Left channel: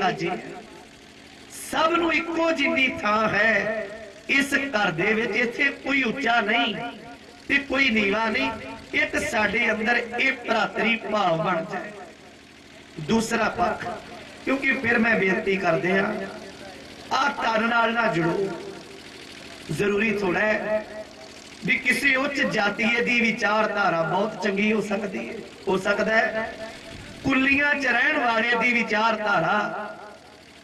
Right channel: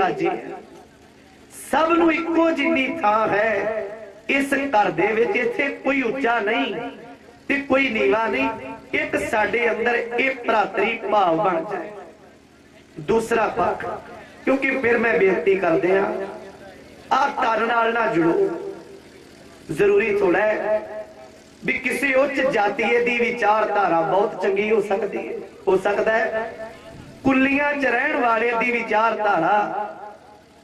साजी सब नूं इक्को जिन्नी थां है। इस घर दे विच इत्थे कोई उच्चा नहीं ते कोई नीवा नहीं, एक साडे अंदर एक भरातरी भाव बन जाए। दूसरा पक्ष, क्योंकि फिर मैं बेनती करदे हां आ घर नाल ना जुड़ो। जरूरी थोड़ा है भी किसी उच्च जातीय दी विचारधारा बहुत चंगी हो सकती है, हो सकता है कुल्लियां च रहण वाले दी विचारधारा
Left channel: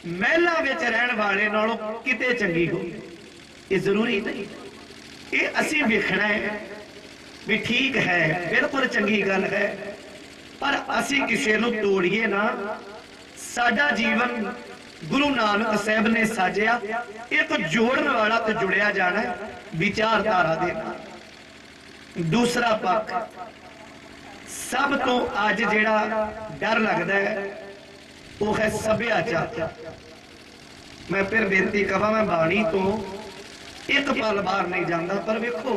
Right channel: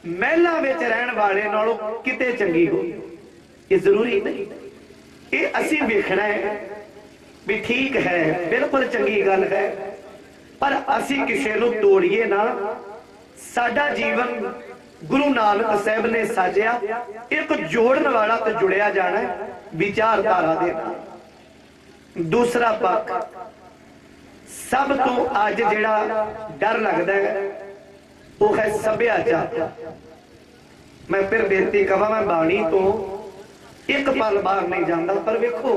महलां विच रहण वाले नालों किते चंगी हो। ये जरूरी नहीं, ये असीं वेखना है भी ठीक है, बिल्कुल चंगी गल है, पर असीं किसी नूं तोड़िए ना। साडा जीवन गुरु नानक साहब ने साजिया एक जोड़न वाला तो जुड़िया जाना है विचारधारा दे नाल। दूसरा पक्ष, सब तो अज जिहड़ा डर लगदा है वो है सभ्याचार। मैं फिर बेनती कवां, मैं बाणी तो एक पल बाहर नहीं जाता, पर वेखो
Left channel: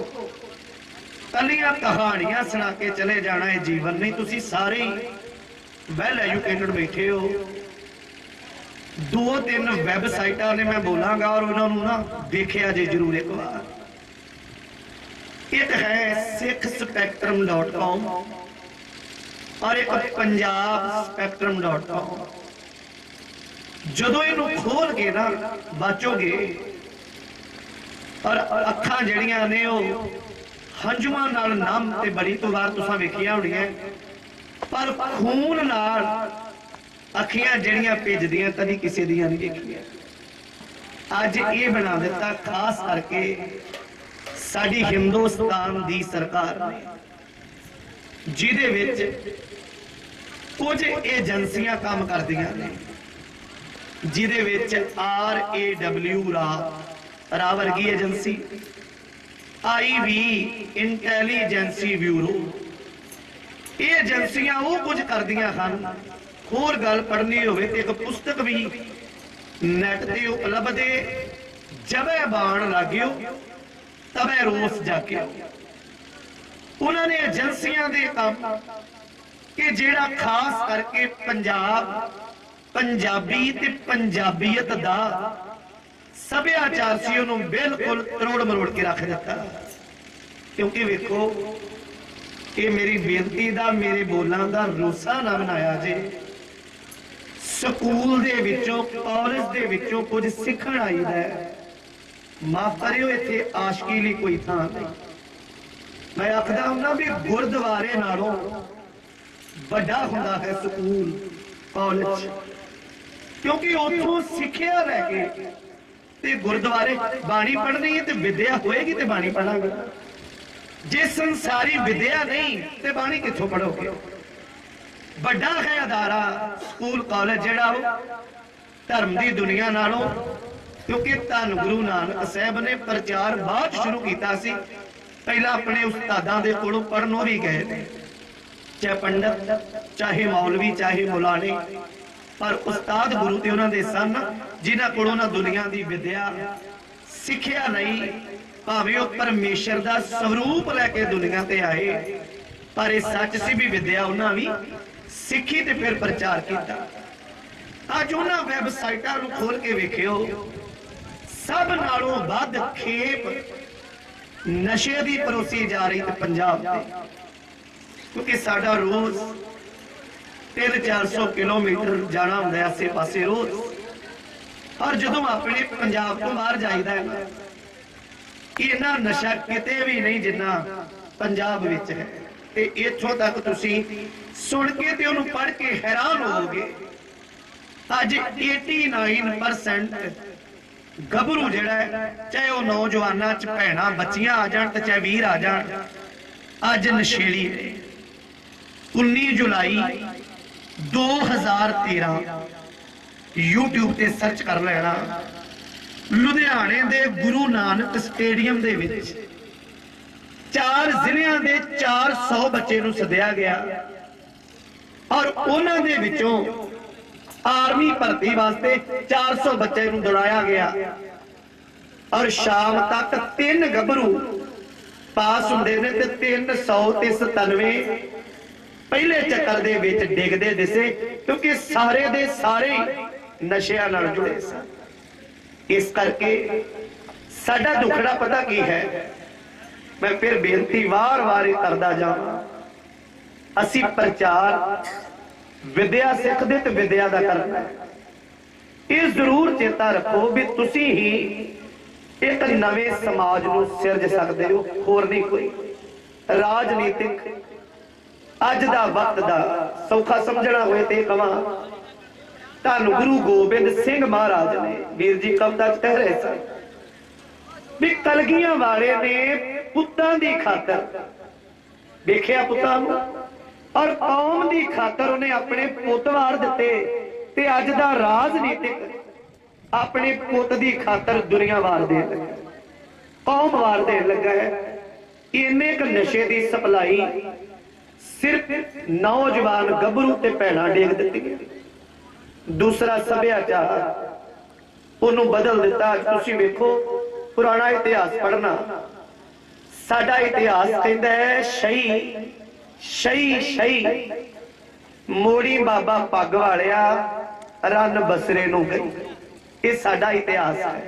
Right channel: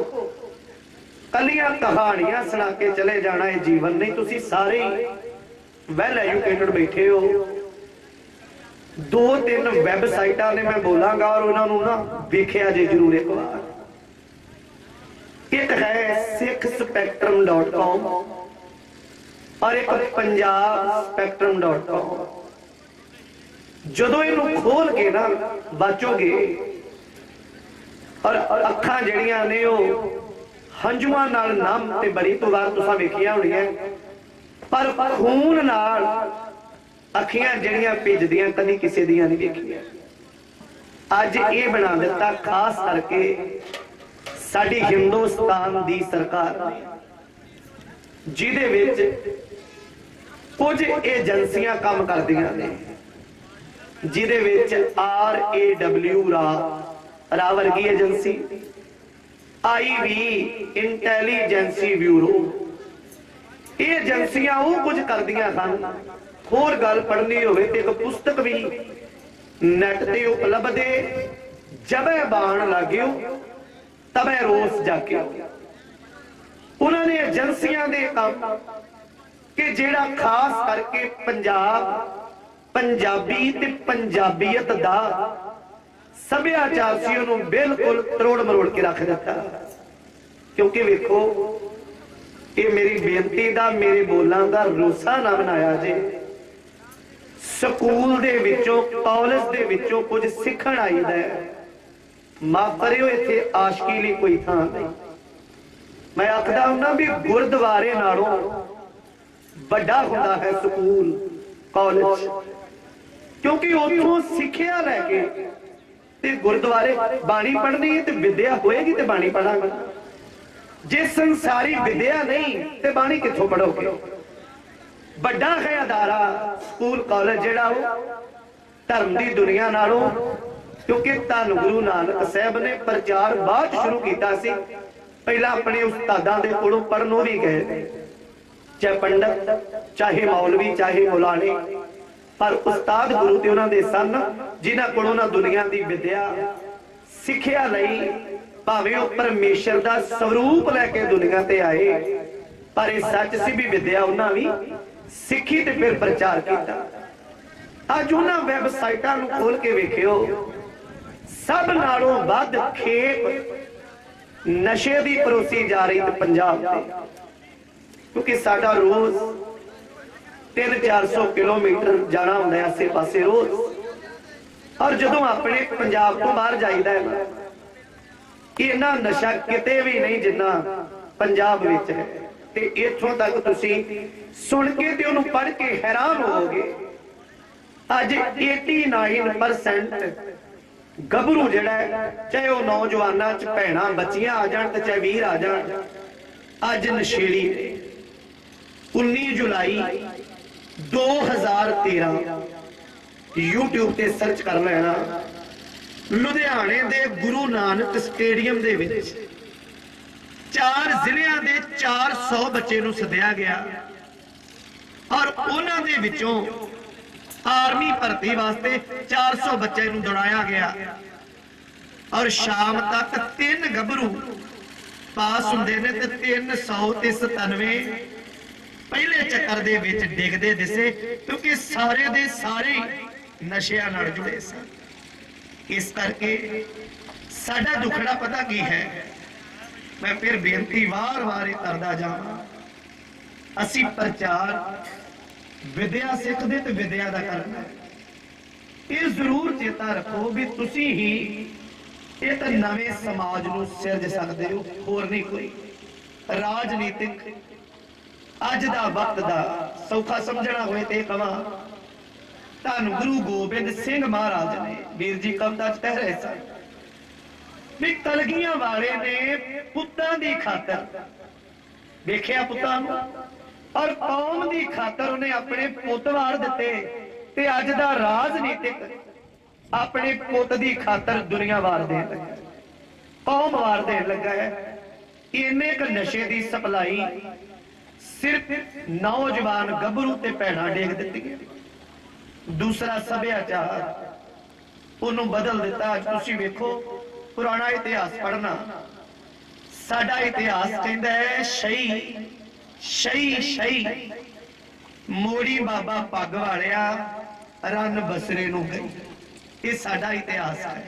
कलियां कहानियां सुना के चले जाना है जीवन नहीं। तुसी सारे वैल एजुकेटेड बैठे हो, 2-3 वैबसाइटां ने मैं बोलांगा और उन्होंने ना देखिया जे जरूर एक बार। एक है sikhspectrum.com और एक punjabspectrum.com। जदों इनू खोल के ना बचोगे और अखां जड़ियां ने हंजुआं नाल नाम ते बड़ी तो बार तुसां वेखियां होणियां, पर खून नाल अखियां जड़ियां भेजदियां कदी किसी दियां नहीं देखियां। अज ये बना दिता खास करके साडी हिंदुस्तान दी सरकार ने, जिहदे विच कुछ एजेंसियां काम करदियां ने, जिहदे विच RAW रा वर्गी एजेंसी, IV इंटैलीजेंसी ब्यूरो, ये एजेंसियां वो कुछ करदियां हन। होर गल पढ़नी होवे ते एक पुस्तक भी नेट ते उपलब्ध है, जबे बाण लाग्यो तबे रोस जाके। उन्होंने एजेंसियां दे काम कि जेड़ा खास करके पंजाब, पंजाबी ते पंजाबीयत दा सभ्याचार सी उन्होंने बिल्कुल तरोड़ मरोड़ के रख दिता। क्योंकि वेखो ये मेरी बेनती दा, मेरे बोलां दा रोसा ना बनाया जे। स्कूल दे विचों कॉलेज दे विचों कुछ सीखण आईदा है, माफ करियो इत्थे आशकी लई कोई थां नहीं। मैं आखदा हुंदा भी गुरुद्वारे नालों बड़ा हुंदा है स्कूल कॉलेज, क्योंकि उत्थों सिੱਖਿਆ लैके ते गुरुद्वारे बाणी पढ़नी है तो विद्या होएगी तो बाणी पढ़ांगे। जे संसारी विद्या नहीं तो बाणी कित्थों पढ़ोगे। बड़ा है अदारा स्कूल कॉलेज जिहड़ा धर्म की दुनिया नालों, क्योंकि धन गुरु नानक साहब ने प्रचार बाद शुरू किया सी। पहला अपने उस्तादां दे कोलों पढ़नों भी गए, चाहे पंडित, चाहे मौलवी, चाहे मौलाने, पर उस्ताद गुरु ते उन्हां दे सन जिन्हां कोलों ना दुनिया की विद्या सिੱਖਿਆ नहीं। भावें वो परमेश्वर का स्वरूप लैके दुनिया ते आए, पर यह सच सी भी विद्या उन्हां भी सिੱਖੀ ते फिर प्रचार किया। अज उन्हां वैबसाइटां नूं खोल के वेखियो, सब नालों वध खेप नशे की परोसी जा रही ते पंजाब ते, क्योंकि साडा रोज 300-400 किलोमीटर जाना होंदा है आसे पासे रोज। और जदों अपने पंजाब तो बाहर जाईदा है, इन्ना नशा किते भी नहीं जिन्ना पंजाब विच है। ते इत्थों तक तुसी सुन के ते उहनूं पढ़ के हैरान होवोगे। अज 89% गभरू जिहड़ा है, चाहे वो नौजवानां च भैणां बच्चियां आ जाण ते चाहे वीर आ जाण, अज नशेड़ी ने। 19 जुलाई 2013 यूट्यूब ते सर्च कर लेना, लुधियाने दे गुरु नानक स्टेडियम दे विच 4 जिलियां दे 400 बच्चे नूं सद्या गया और उन्हां दे विचों आर्मी भर्ती वास्ते 400 बच्चे नूं दौड़ाया गया और शाम तक 3 गभरू पास हुंदे ने ते 397 पहले चक्कर दे विच डिगदे दिसे, क्योंकि सारे दे सारे नशियां नाल जुड़े सन। इस करके साडा दुखड़ा पता की है, मैं फिर बेनती वार वार करदा जावां, असी प्रचार विद्या सिखदे ते विद्या दा करना। ये जरूर चेता रखो भी तुसी ही एक नवे समाज नूं सिरज सकदे हो, होर नहीं कोई। राजनीतिक अज दा वक्त दा सौखा समझना होए ते कहां, धन गुरु गोबिंद सिंह महाराज ने वीर जी कविता च कह रहे सन भी कलगियां वाले ने पुत्तां दी खातर देखिया पुत्तां नूं और कौम दी खातर उन्हें अपने पुत वार दिते, ते अज दा राजनीतिक अपने पुत दी खातर दुनिया वार देन लगा, कौम वार देन लगा है। इन्ने क नशे दी सप्लाई सिर्फ नौजवान गभरू ते भैणां डेग दित्ती। दूसरा सभ्याचार उन्होंने बदल दिता। तुसीं वेखो पुराना इतिहास पढ़ना, साडा इतिहास कहता है शही शही शही मोड़ी बाबा पग वालिया रन बसरे नूं गई। ये साडा इतिहास है,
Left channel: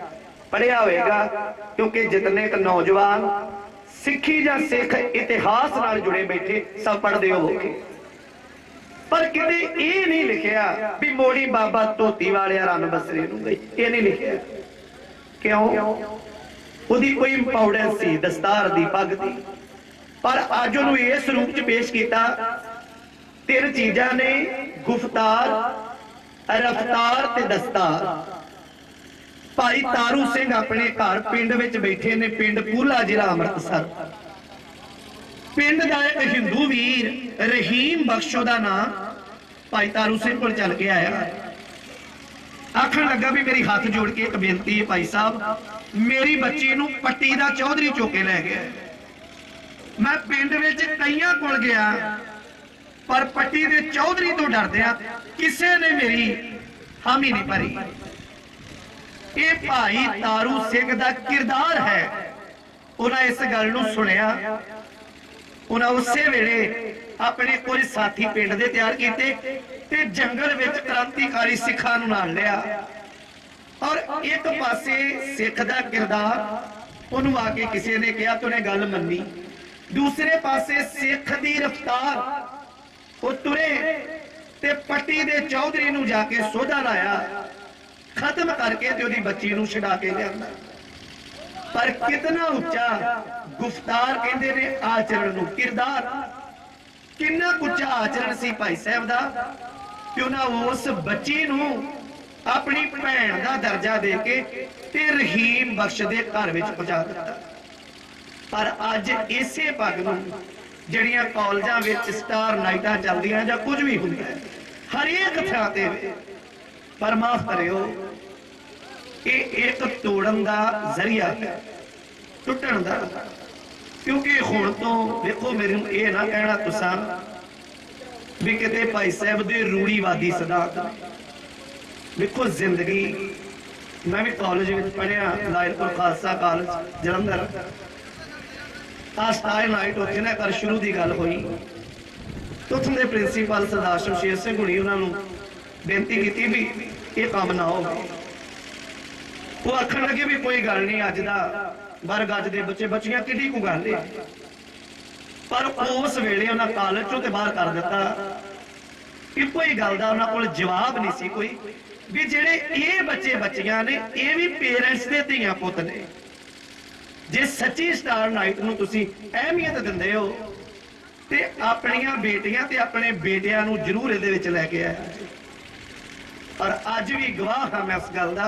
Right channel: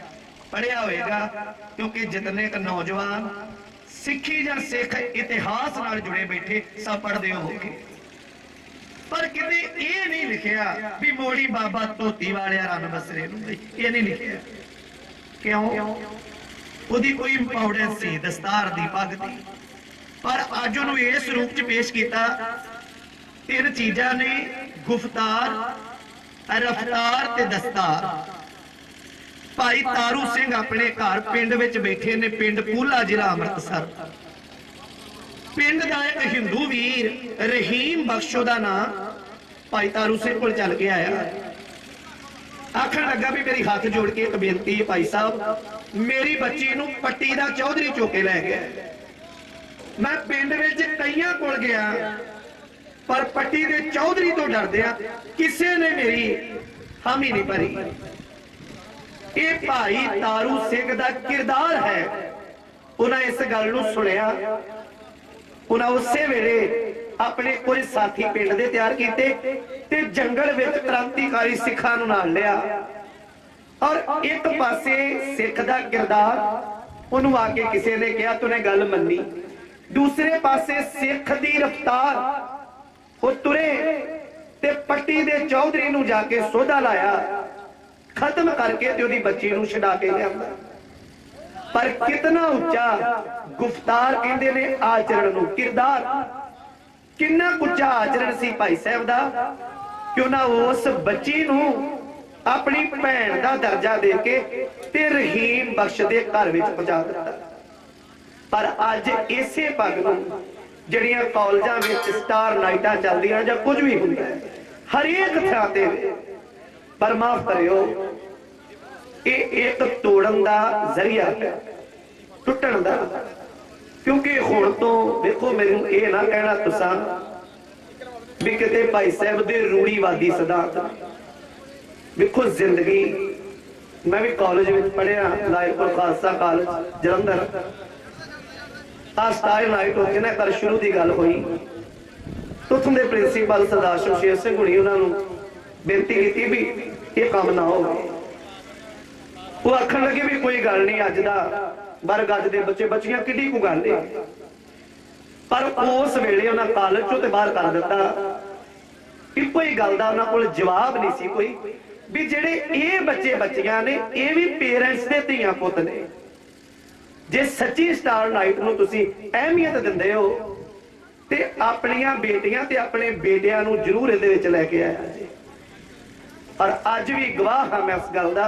पढ़िया होएगा, क्योंकि जितने क नौजवान सिखी या सिख इतिहास नाल जुड़े बैठे सब पढ़ते होगे, पर किते ये नहीं लिखिया भी मोड़ी बाबा धोती वाले रन बसरे नूं गई, ये नहीं लिखिया। क्यों? उहदी कोई इंपॉर्टेंस सी दस्तार दी पग दी, पर अज उहनूं इस रूप च पेश किया। तीन चीजां ने, गुफ्तार, रफ्तार ते दस्तार। भाई तारू सिंह अपने घर पिंड विच बैठे ने, पिंड पूला जिला अमृतसर। पिंड का एक हिंदू वीर रहीम बख्शो का नाम भाई तारू सिंह को चल के आया, आखन लगा भी मेरी हाथ जोड़ के एक बेनती है भाई साहब, मेरी बच्ची नूं पट्टी का चौधरी चौके लै गया। मैं पिंड विच कईयां कोल गया, पर पट्टी के चौधरी तो डरदिया किसी ने मेरी हामी नहीं भरी। ये भाई तारू सिंह का किरदार है। उन्हें इस गल नूं सुनिया, उन्हें उसे वेले अपने कोई साथी पिंड दे तैयार किए ते जंगल विच क्रांतिकारी सिखां नूं नाल लिया, और एक पासे सिख दा किरदार उन्होंने आके किसी ने कहा तूने गल मन्नी, दूसरे पासे सिख दी रफ्तार वो तुरे ते पट्टी दे चौधरी नूं जाके सोधा लाया, खत्म करके ते उहदी बच्ची नूं छड़ा के लिया। पर कितना उच्चा गुफ्तार कहंदे ने आचरण नूं, किरदार कितना उच्चा आचरण सी भाई साहब दा कि उन्हां उस बच्ची नूं अपनी भैन दा दर्जा दे के ते रहीम बख्श दे घर विच पहुंचा दिता। पर अज इसे पग नूं जिहड़ियां कॉलेजां विच स्टार नाइटां चलदियां जां कुछ भी हुंदा है हरेक थां ते, पर माफ करियो ये एक तोड़न दा जरिया है, टुटण दा। क्योंकि हुण तो देखो मैनूं ये ना कहना तुसां भी किते भाई साहब दे रूढ़ीवादी सिद्धांत। देखो जिंदगी, मैं भी कॉलेज में पढ़िया Lyallpur Khalsa college Jalandhar, star night उत्थे ना कर शुरू की गल हुई तो उत्थों के प्रिंसीपल सरदार शमशेर सिंह हुणी उन्होंने बेनती की भी ये काम ना हो। वो आखन लगे भी कोई गल नहीं, अज का बर गज के बच्चे बच्चियां किड्डी को गल है। पर उस वेले उन्हें कॉलेज चों ते बाहर कर दिता कि कोई गल का उन्होंने कोल जवाब नहीं सी कोई भी जेडे ये बच्चे बच्चियां ने ये भी पेरेंट्स के धीआं पुत ने। जे सच्ची स्टार नाइट नूं तुसीं अहमियत दिंदे हो ते अपनियां बेटियां ते अपने बेटियां नूं जरूर इहदे विच लैके आया। पर अज भी गवाह हाँ मैं इस गल दा,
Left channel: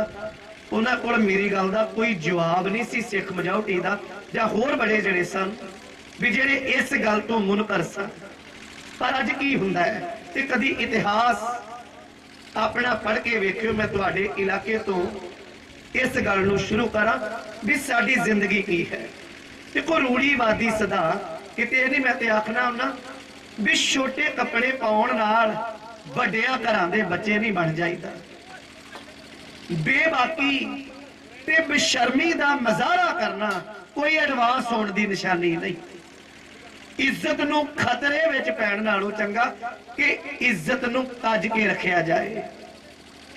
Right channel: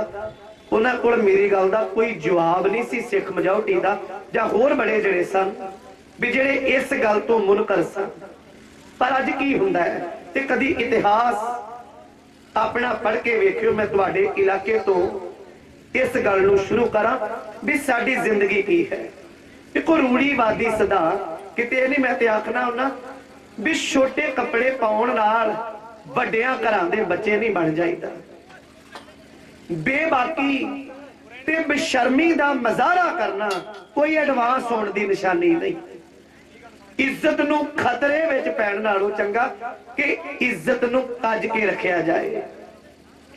उन्हां कोल मेरी गल दा कोई जवाब नहीं सी सिख मजॉरिटी दा जां होर बड़े जिहड़े सन भी जिहड़े इस गल तो मुनकर सन। पर अज की हुंदा है ते कदी इतिहास अपना पढ़ के वेखियो। मैं तुहाडे इलाके तो इस गल नूं शुरू करा भी साडी जिंदगी की है। देखो रूढ़ीवादी सिद्धांत किते नहीं, मैं ते आखना हुन्ना भी छोटे कपड़े पाउण नाल वड्डियां घरां दे बच्चे नहीं बन जाईदा। बेबाकी ते बेशर्मी दा मजारा करना कोई एडवांस होने की निशानी नहीं। इज्जत नूं खतरे विच पैण नालों चंगा कि इज्जत नूं तज के रखिया जाए।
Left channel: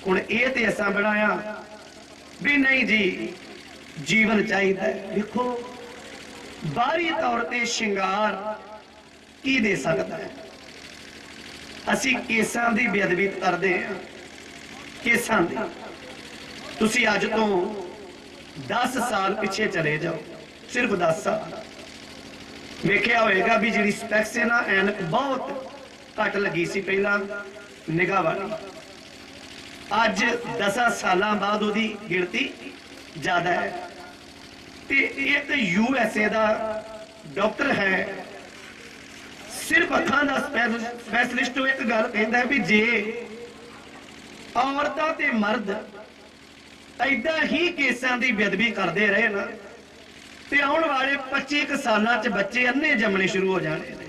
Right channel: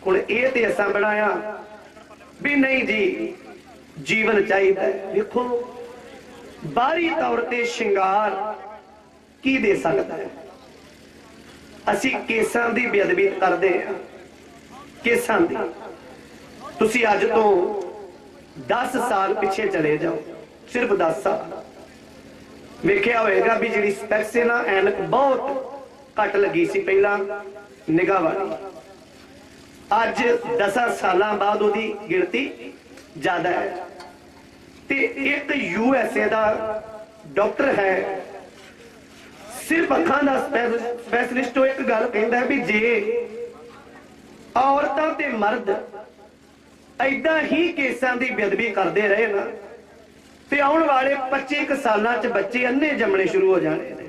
हुण ये ते असां बनाया भी नहीं जी जीवन चाहिए। देखो बाहरी तौर ते श्रृंगार की दे सकता है। असी केसां दी बेअदबी करदे हां, केसां दी। तुसी अज तो 10 साल पिछे चले जाओ, सिर्फ 10 साल वेख्या होएगा भी जिहड़ी स्पैक्स है ना, ऐनक बहुत घट लगी सी पहला निगाह वाली, अज 10 साल बाद उहदी गिणती ज्यादा है। ते एक USA दा डॉक्टर है, सिर्फ अखां दा स्पैशलिस्ट, एक गल कहंदा है भी जे औरतां ते मर्द ऐदा ही केसां दी बेअदबी करते रहे ना, ते आउण वाले 25 सालां च बच्चे अन्ने जमने शुरू हो जाने ने।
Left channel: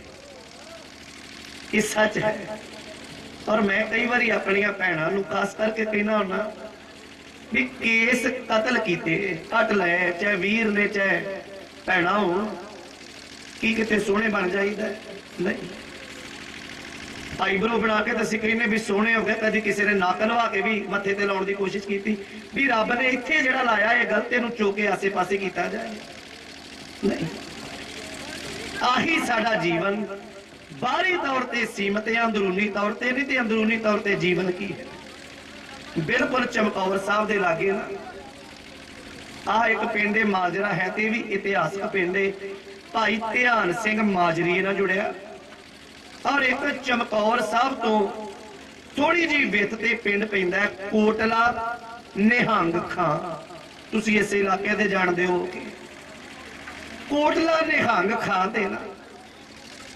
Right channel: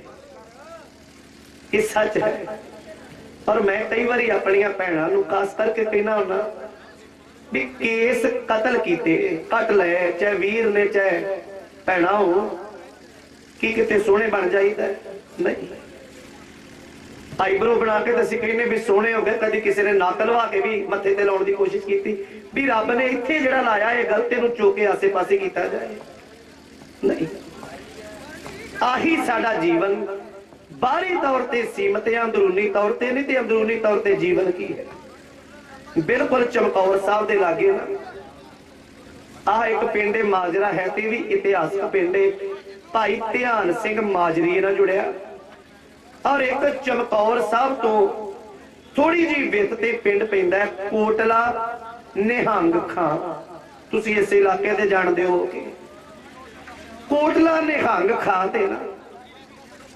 ये सच है। और मैं कई बार अपनियां भैणां नूं खास करके कहना हुंदा भी केस कतल कीते कट लए, चाहे वीर ने चाहे भैणा हो, की किते सोहणे बन जाईदा नहीं। आईब्रो बना के असीं कहने भी सोहणे हो गए, कदी किसी ने नक लवा के भी मत्थे ते लाउण दी कोशिश की भी रब ने इत्थे जिहड़ा लाया है गलत नूं चुक के आसे पासे कीता जाए नहीं। आही साडा जीवन बाहरी तौर ते सीमित है, अंदरूनी तौर ते नहीं। ते अंदरूनी तौर ते जीवन की है? बिल्कुल चमकौर साहब दे लागे ना आ एक पिंड माजरा है, ते भी इतिहासक पिंड भाई ध्यान सिंह माजरी ना जुड़िया। और एक चमकौर साहब तो थोड़ी जी बित ते पिंड पैंदा है कोटला निहंग खां। तुसीं इस इलाके दे जानदे हो कि कोटला निहंग खां ते ना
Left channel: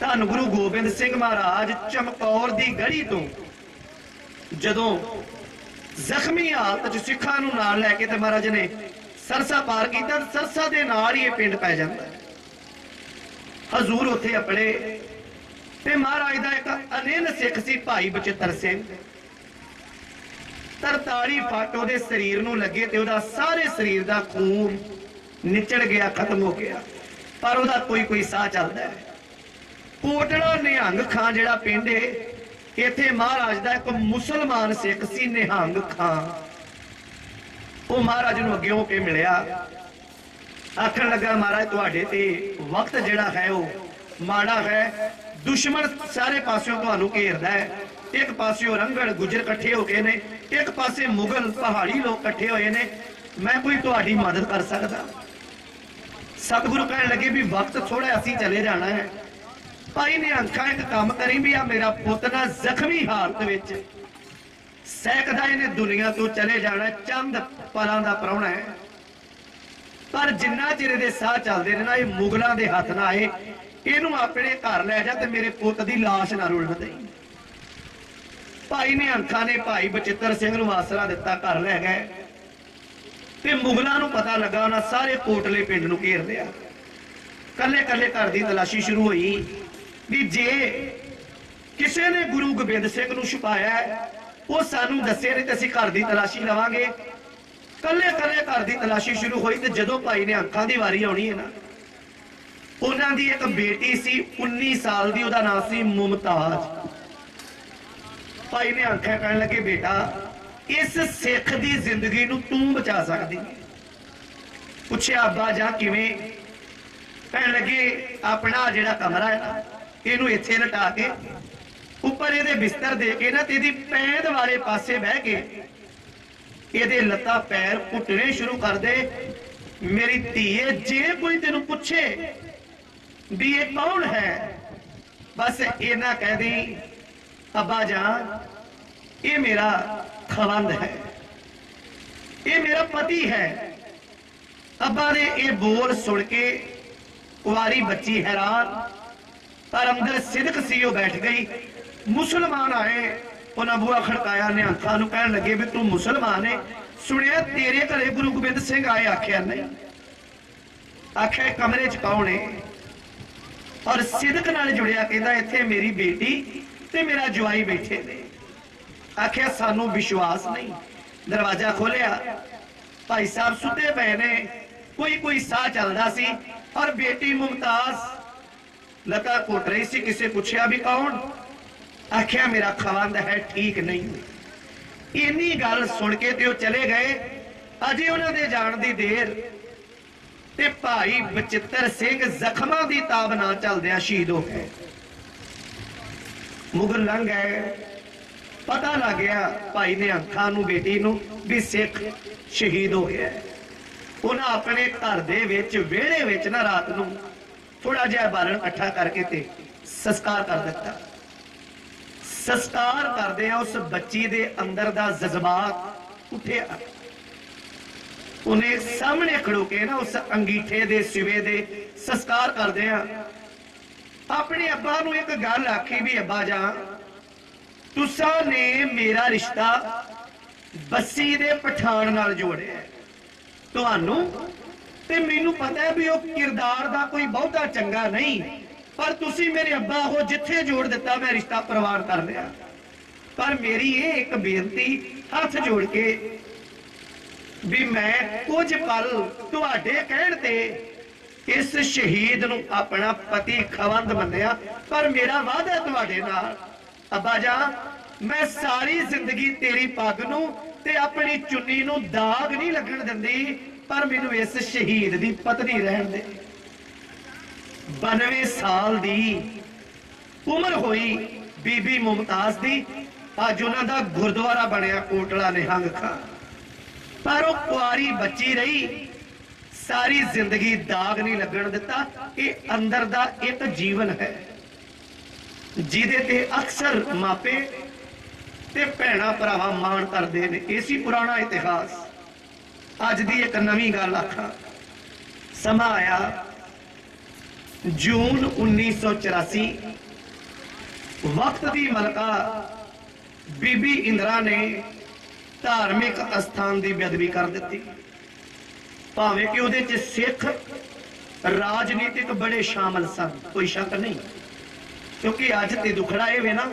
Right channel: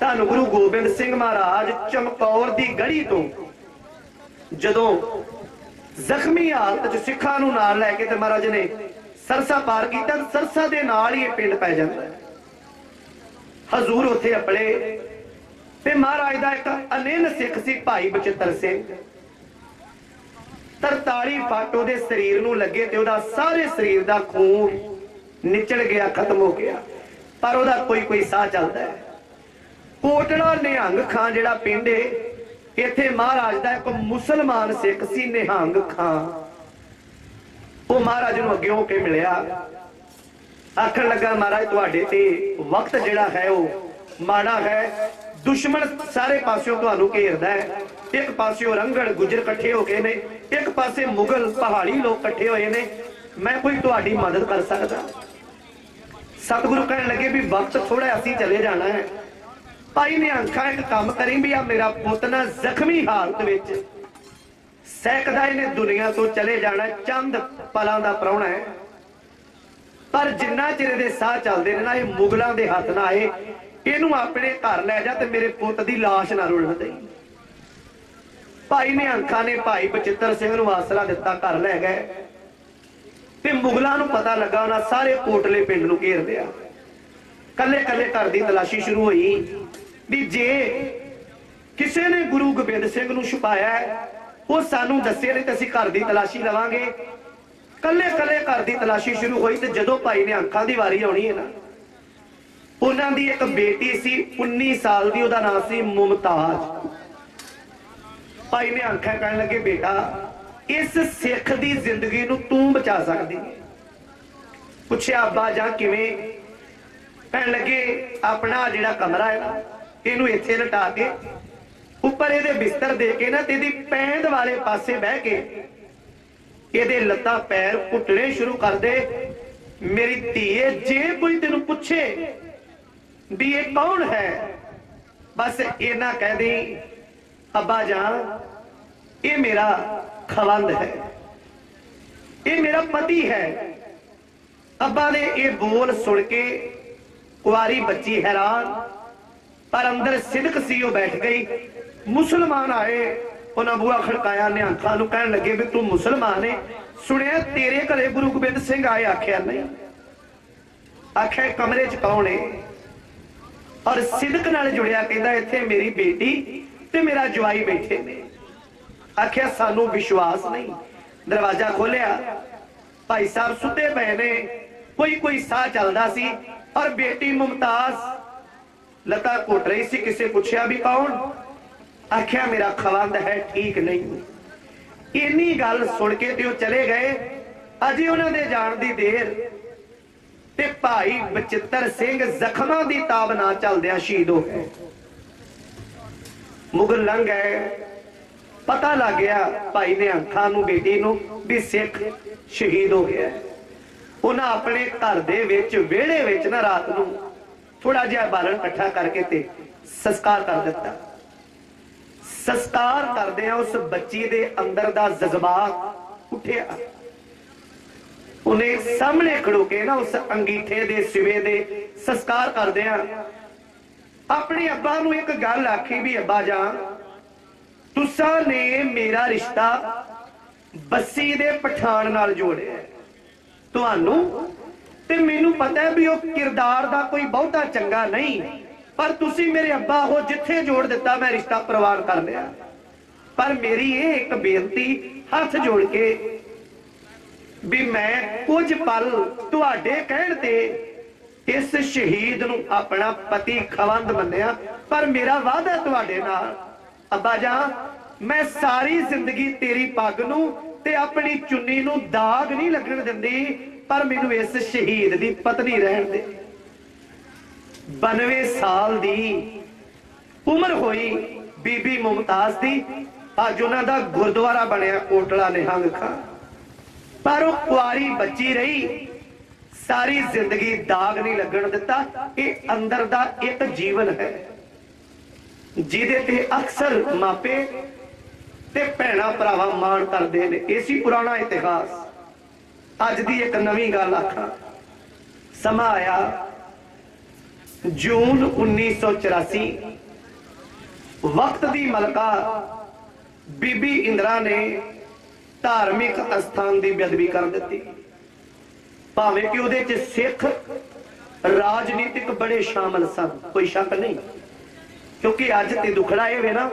धन गुरु गोबिंद सिंह महाराज चमकौर दी गढ़ी तो जदों जख्मी हालत च सिखां नूं नाल लैके ते महाराज ने सरसा पार कीता, सरसा दे नाल ही पिंड पै जांदा। हजूर उत्थे अपने ते महाराज दा एक अनेन सिख सी भाई बचित्र सिंह, 43 फट ओहदे शरीर नूं लगे ते ओहदा सारे शरीर दा खून निचड़ गया, खत्म हो गया, पर ओहदा कोई कोई साह चलदा है। कोटला निहंग खां जिहड़ा पिंड है, इत्थे महाराज दा एक मुसलमान सिख सी निहंग खां, वो महाराज नूं अगे हो के मिलिया, आखण लगा महाराज तुहाडे ते वक्त जिहड़ा है वो माड़ा है, दुश्मन सारे पासों तुहानूं घेरदा है। एक पासों रंगड़ गुजर इकट्ठे हो गए ने, एक पासे मुगल पहाड़ी लोग इकट्ठे होए ने, मैं कोई तुहाडी मदद कर सकदा? सतगुरु कहण लगे भी वक्त थोड़ा असीं चले जाना है। भाई ने अंखा एक काम करी भी आ मेरा पुत ना जख्मी हालत विच सैकदा इहने दुनिया तो चले जाना, चंद पलां दा प्राहुणा है, पर जिन्ना चिर दे साह चलदे ने ना ये मुगलां दे हत्थ ना आए, इहनूं अपने घर लै जा ते मेरे पुत दी लाश ना रुलण दई। भाई ने अंखा ने भाई बचित्र सिंह नूं आसरा दिता, घर लै गए ते मुगलां नूं पता लगा, उन्हां सारे कोटले पिंड नूं घेर लिया। कल्ले कल्ले घर दी तलाशी शुरू हुई भी जे किसी ने गुरु गोबिंद सिंह नूं छुपाया वो सानू दस्से नहीं तो असीं घर दी तलाशी लवांगे। कल्ले कल्ले घर दी तलाशी शुरू हुई ते जदों भाई ने अंखां दी वारी आउणी है ना, उन्हां दी एक बेटी सी 19 साल दी, उहदा नाम सी मुमताज। भाई ने अंखां कहण लगे बेटा इस सिख दी जिंदगी नूं तूं बचा सकदी। पुछया अब्बा जां किवें? कहण लगे अपना जिहड़ा कमरा है ना इहनूं इत्थे लटा के उपर इहदे बिस्तर दे के ना ते इहदी पैंद वाले पासे बह के इहदे लत्तां पैर घुटने शुरू कर दे। मेरी धीए जे कोई तेनू पूछे भी ये कौन है, बस इन्ना कह दी अब्बा जान ये मेरा खवंद है, ये मेरा पति है। अब्बा ने ये बोल सुन के कुआरी बच्ची हैरान, पर अंदर सिदक सी वो बैठ गई। मुसलमान आए, उन्हें बुआ खड़काया, निहंखां नूं कहण लगे भी तू मुसलमान है, सुनिया तेरे घरे गुरु गोबिंद सिंह आए? आख्या नहीं। आख्या कमरे च कौन है? और सिदक नाल जुड़िया कहंदा इत्थे मेरी बेटी ते मेरा जवाई बैठे ने। आख्या सानू विश्वास नहीं। दरवाजा खोलिया, भाई साहब सुते पे ने, कोई कोई साह चलदा सी और बेटी मुमताज लता घुट रही सी। किसे पूछया भी कौन? आख्या मेरा खवंद है, ठीक नहीं। इन्नी गल सुन के ते चले गए। अजे उन्होंने जाण दी देर ते भाई बचित्र सिंह जख्मां दी ताब ना चलदियां शहीद हो गए। मुगल लंघ गए, पता लग गया भाई ने अखां नूं बेटी नूं भी सिख शहीद हो गया। उन्हें अपने घर दे विच विहड़े विच ना रात नूं थोड़ा जिहा बालन इकट्ठा करके ते संस्कार कर दिता। संस्कार करदे उस बच्ची दे अंदर दा जज्बात उठिया। उन्हें सामने खड़ो के ना उस अंगीठे दे सिवे दे संस्कार करदे अपने अब्बा नूं एक गल आखी भी अब्बा जान तुसा ने मेरा रिश्ता बस्सी दे पठान नाल जोड़िया। तुहानू ते मैनू पता है भी वो किरदार दा कोई बहुता चंगा नहीं, पर तुसी मेरे अब्बा हो जिथे जोड़ दिता मैं रिश्ता प्रवान कर लिया। पर मेरी ये एक बेनती हाथ जोड़ के भी मैं कुछ पल तुहाडे कहण ते इस शहीद नूं अपना पति खवंद मन्निया, पर मेरा वादा तुहाडे नाल अब्बा जान मैं सारी जिंदगी तेरी पग नूं ते अपनी चुन्नी नूं दाग नहीं लगन दिंदी, पर मैनू इस शहीद दी पत्नी रहन दे। 92 साल दी उम्र होई बीबी मुमताज दी। अज उन्हां दा गुरुद्वारा बनया कोटला निहंग खां, पर वो कुआरी बच्ची रही, सारी जिंदगी दाग नहीं लगन दिता। ये अंदर दा एक जीवन है जिहदे ते अक्सर मापे ते भैणा भरावा मान करदे ने। इसी पुराना इतिहास अज दी एक नवी गल आखा। समा आया जून 1984, वक्त दी मलका बीबी इंदिरा ने धार्मिक अस्थान की बेअदबी कर दी। भावें कि उहदे च सिख राजनीतिक बड़े शामिल सन, कोई शक नहीं, क्योंकि अज ते दुखड़ा ये वे ना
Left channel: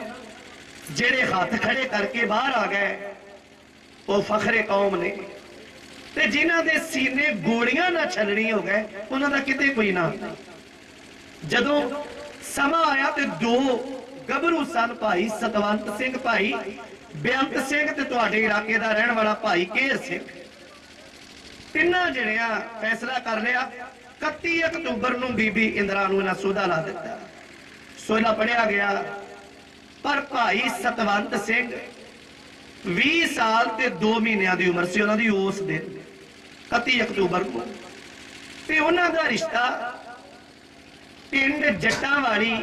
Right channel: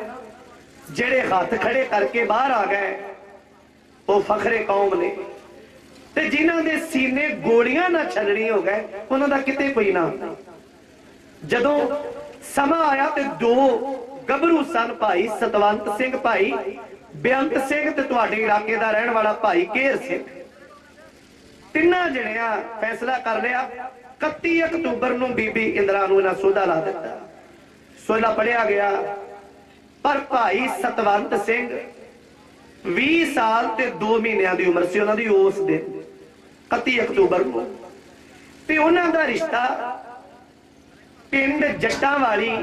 जेड़े हाथ खड़े करके बाहर आ गए वो फखरे कौम ने, ते जिन्हां दे सीने गोलियां ना छलनी हो गए उन्हां दा किते कोई ना। जदों समा आया ते दो गभरू सन, भाई सतवंत सिंह भाई बेअंत सिंह ते तुहाडे इलाके दा रहण वाला भाई केर सिंह। तिन्ना जणियां फैसला कर लिया 31 अक्तूबर नूं बीबी इंदिरा नूं इन्हां सोधा ला दिता। सोधा पढ़िया गया, पर भाई सतवंत सिंह 20 साल ते 2 महीनों की उम्र से उन्होंने उस दिन 31 अक्तूबर को, ते उन्हां दा रिश्ता पिंड जट्टांवाली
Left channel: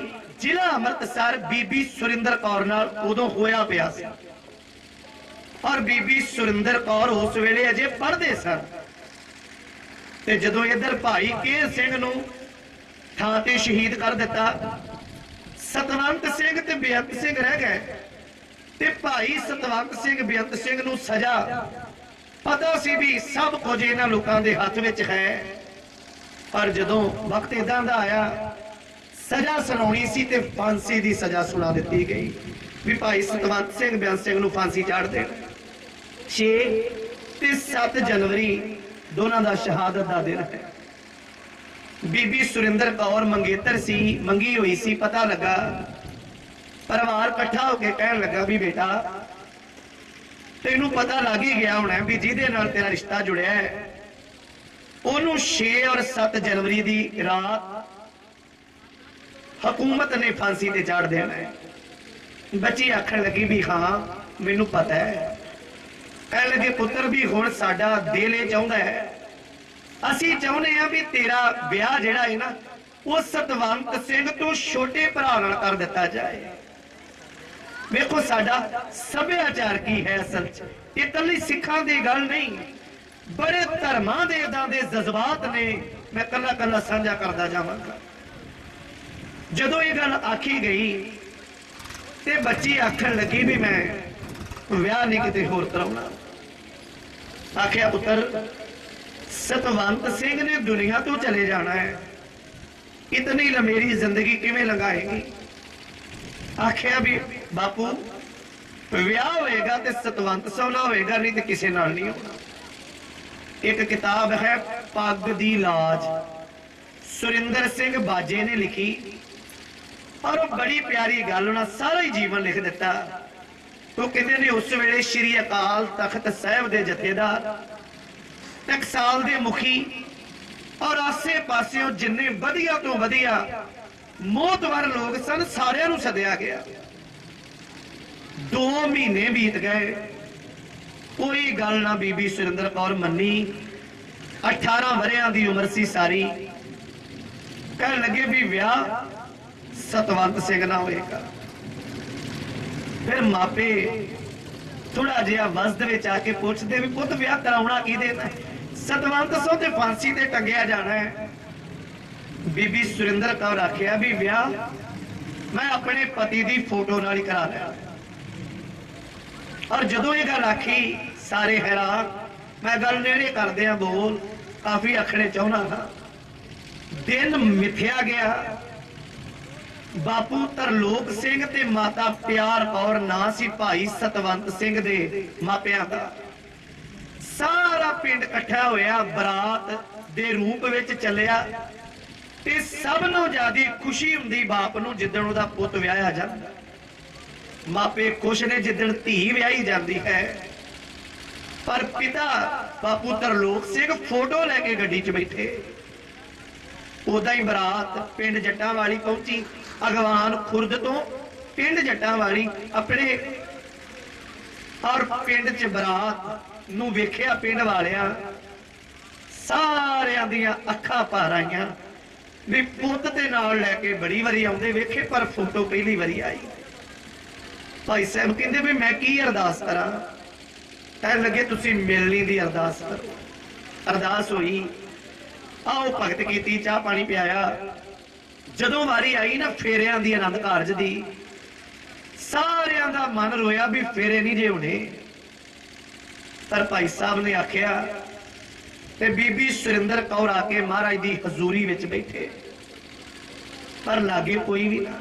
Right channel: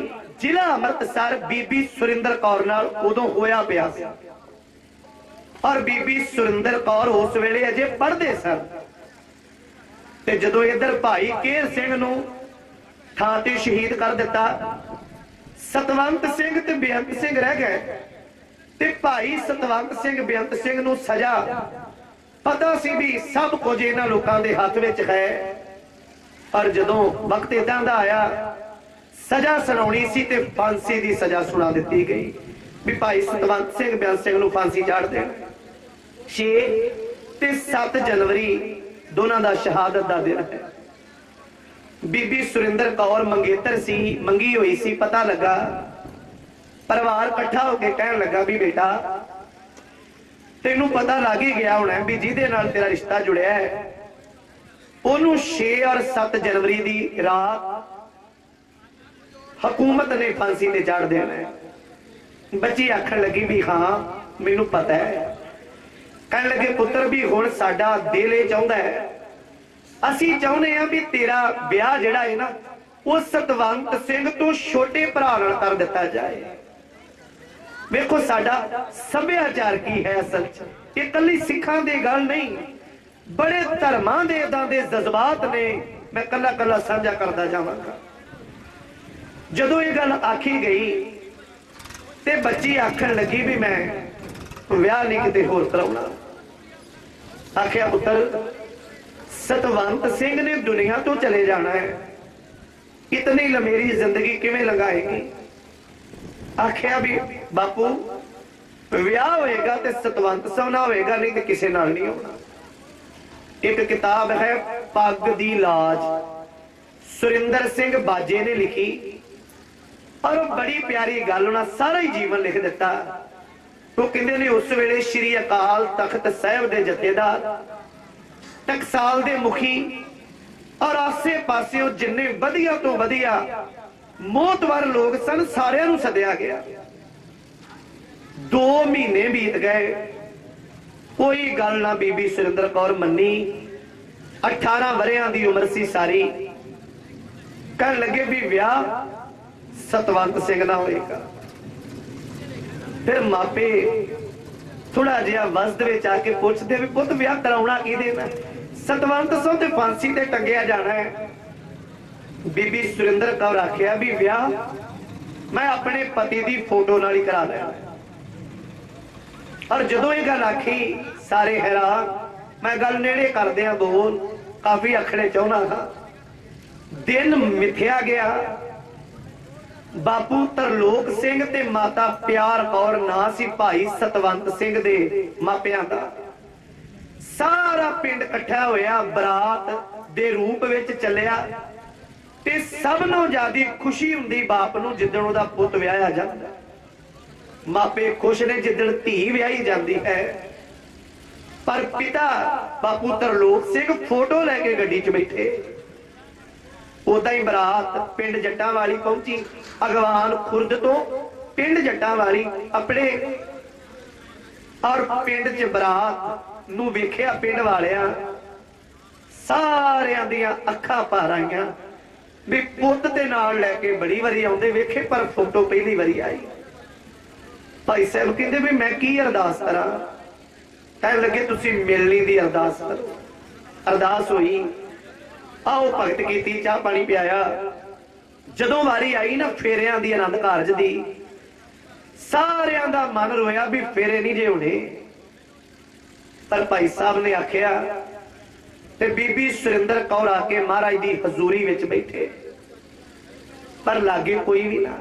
जिला अमृतसर बीबी सुरिंदर कौर नाल उदों होया पिया सी। और बीबी सुरिंदर कौर उस वेले अजे पढ़दे सन, ते जदों इधर भाई केर सिंह नूं थां ते शहीद कर दिता, सतवंत सिंह ते बेअंत सिंह रह गए। ते भाई सतवंत सिंह बेअंत सिंह नूं सजा पता सी भी सब कुछ इन्हां लोकां दे हत्थ विच है। पर जदों वक्त इदां दा आया सजा सुनाउणी सी ते फांसी दी सजा सुना दित्ती गई भी भाई सतवंत सिंह बेअंत सिंह नूं फांसी चाड़ देण। 6 ते 7 जनवरी दोनों दा शहादत दा दिन है। बीबी सुरिंदर कौर मंगेतर सी, मंगी हुई सी। पता लगा परिवार इकट्ठा होके कहन लगा भी बेटा तेनू पता लग ही गया होना भी जिहदे नाल तेरा रिश्ता जुड़िया है ओनू 6 और 7 जनवरी दी रात हुकूमत ने फांसी ते चाड़ देना है। बच्ची आखन लगी भी हाँ मैनू पता है। कहन लगे पुत्र भी हुण साडा दिल ये चाहुंदा है, असीं चाहुंदे हां भी तेरा ब्याह जिहड़ा है ना वो सतवंत सिंह तो छोटे भरा नाल कर दिता जाए। वेखो साडा सभ्याचार की है, असल च ये कल्ली सिखां दी गल नहीं, बड़े धर्मां दे इदां दे जज्बात ने। मैं कल्ला कल्ला साझा करदा जावांगा। जदों ये गल आखी गई ते बच्ची आखन लगी भी मैं विआह नहीं किते होर कराउणा। आखिया पुत्र सतवंत सिंह ने दुनिया तो चले जाना है, इतनी लंबी जिंदगी किवें लंघाएगी। आखिया भी बापू विआह होएगा ते सतवंत सोना होएगा, नहीं तो किसी नाल नहीं होना। एक किताब है पग दी लाज, सुरिंदर सिंह बाजे ने लिखी और बड़ी प्यारी गल उन्हें सारा ही जीवन लिख दिता ਉਹ ਕਹਿੰਦੇ ਨੇ ਉਸ ਵੇਲੇ ਸ਼੍ਰੀ ਅਕਾਲ ਤਖਤ ਸਾਹਿਬ ਦੇ ਜਥੇਦਾਰ, ਟਕਸਾਲ ਦੇ ਮੁਖੀ ਔਰ ਆਸੇ ਪਾਸਿਓਂ ਜਿੰਨੇ ਵਧੀਆ ਤੋਂ ਵਧੀਆ ਮੋਹਤਵਰ ਲੋਕ ਸਨ, ਸਾਰਿਆਂ ਨੂੰ ਸੱਦਿਆ ਗਿਆ। 2 ਮਹੀਨੇ ਬੀਤ ਗਏ, ਕੋਈ ਗੱਲ ਨਾ ਬੀਬੀ ਸੁਰਿੰਦਰ ਕੌਰ ਮੰਨੀ। 18 ਵਰਿਆਂ ਦੀ ਉਮਰ ਸੀ ਸਾਰੀ। ਕਹਿਣ ਲੱਗੇ ਵੀ ਵਿਆਹ ਸਤਵੰਤ ਸਿੰਘ ਨਾਲ ਹੋਏਗਾ। ਫਿਰ ਮਾਪੇ ਥੋੜਾ ਜਿਹਾ ਵਸਦ ਵਿੱਚ ਆ ਕੇ ਪੁੱਛਦੇ ਵੀ ਪੁੱਤ ਵਿਆਹ ਕਰਾਉਣਾ ਕਿਹਦੇ ਨਾਲ? ਸਤਵੰਤ ਸੋ ਤੇ ਫਾਂਸੀ ਤੇ ਟੰਗਿਆ ਜਾਣਾ ਹੈ। ਬੀਬੀ ਸੁਰਿੰਦਰ ਕੌਰ ਆਖਿਆ ਵੀ ਵਿਆਹ ਮੈਂ ਆਪਣੇ ਪਤੀ ਦੀ ਫੋਟੋ ਨਾਲ ਹੀ ਕਰਾ ਲਿਆ। ਔਰ ਜਦੋਂ ਇਹ ਗੱਲ ਆਖੀ ਸਾਰੇ ਹੈਰਾਨ। ਮੈਂ ਗੱਲ ਨੇੜੇ ਕਰਦੇ ਆ ਬੋਲ, ਕਾਫੀ ਆਖਣੇ ਚਾਹੁੰਦਾ ਹਾਂ। ਦਿਨ ਮਿਥਿਆ ਗਿਆ। ਬਾਪੂ ਤਰਲੋਕ ਸਿੰਘ ਤੇ ਮਾਤਾ ਪਿਆਰ ਕੌਰ ਨਾਂ ਸੀ ਭਾਈ ਸਤਵੰਤ ਸਿੰਘ ਦੇ ਮਾਪਿਆਂ ਦਾ। ਸਾਰਾ ਪਿੰਡ ਇਕੱਠਾ ਹੋਇਆ, ਬਰਾਤ ਦੇ ਰੂਪ ਵਿੱਚ ਚੱਲਿਆ ਤੇ ਸਭ ਨੂੰ ਜ਼ਿਆਦੀ ਖੁਸ਼ੀ ਹੁੰਦੀ ਬਾਪ ਨੂੰ ਜਿੱਦਣ ਉਹਦਾ ਪੁੱਤ ਵਿਆਹਿਆ ਜਾਂਦਾ। ਮਾਪੇ ਖੁਸ਼ ਨੇ ਜਿੱਦਣ ਧੀ ਵਿਆਹੀ ਜਾਂਦੀ ਹੈ। ਪਰ ਪਿਤਾ ਬਾਪੂ ਤਰਲੋਕ ਸਿੰਘ ਫੋਟੋ ਲੈ ਕੇ ਗੱਡੀ 'ਚ ਬੈਠੇ। ਉਦਾਂ ਹੀ ਬਰਾਤ ਪਿੰਡ ਜੱਟਾਂ ਵਾਲੀ ਪਹੁੰਚੀ। ਅਗਵਾਨ ਖੁਰਦ ਤੋਂ ਪਿੰਡ ਜੱਟਾਂ ਵਾਲੀ ਆਪਣੇ ਔਰ ਪਿੰਡ 'ਚ ਬਰਾਤ ਨੂੰ ਵੇਖਿਆ ਪਿੰਡ ਵਾਲਿਆਂ ਸਾਰਿਆਂ ਦੀਆਂ ਅੱਖਾਂ ਭਰ ਆਈਆਂ ਵੀ ਪੁੱਤ ਦੇ ਨਾਲ ਲੈ ਕੇ ਬੜੀ ਵਾਰੀ ਆਉਂਦੇ ਵੇਖੇ, ਪਰ ਫੋਟੋ ਪਹਿਲੀ ਵਾਰੀ ਆਈ। ਭਾਈ ਸਾਹਿਬ ਕਹਿੰਦੇ ਵੀ ਮੈਂ ਕੀ ਅਰਦਾਸ ਕਰਾਂ? ਕਹਿਣ ਲੱਗੇ ਤੁਸੀਂ ਮਿਲਣੀ ਦੀ ਅਰਦਾਸ ਕਰੋ। ਅਰਦਾਸ ਹੋਈ, ਆਓ ਭਗਤ ਕੀਤੀ, ਚਾਹ ਪਾਣੀ ਪਿਆਇਆ। ਜਦੋਂ ਵਾਰੀ ਆਈ ਨਾ ਫੇਰਿਆਂ ਦੀ, ਆਨੰਦ ਕਾਰਜ ਦੀ, ਸਾਰਿਆਂ ਦਾ ਮਨ ਰੋਇਆ ਵੀ ਫੇਰੇ ਨਹੀਂ ਜੇ ਹੋਣੇ। ਪਰ ਭਾਈ ਸਾਹਿਬ ਨੇ ਆਖਿਆ ਤੇ ਬੀਬੀ ਸੁਰਿੰਦਰ ਕੌਰ ਆ ਕੇ ਮਹਾਰਾਜ ਦੀ ਹਜ਼ੂਰੀ ਵਿੱਚ ਬੈਠੇ, ਪਰ ਲਾਗੇ ਕੋਈ ਵੀ ਨਾ।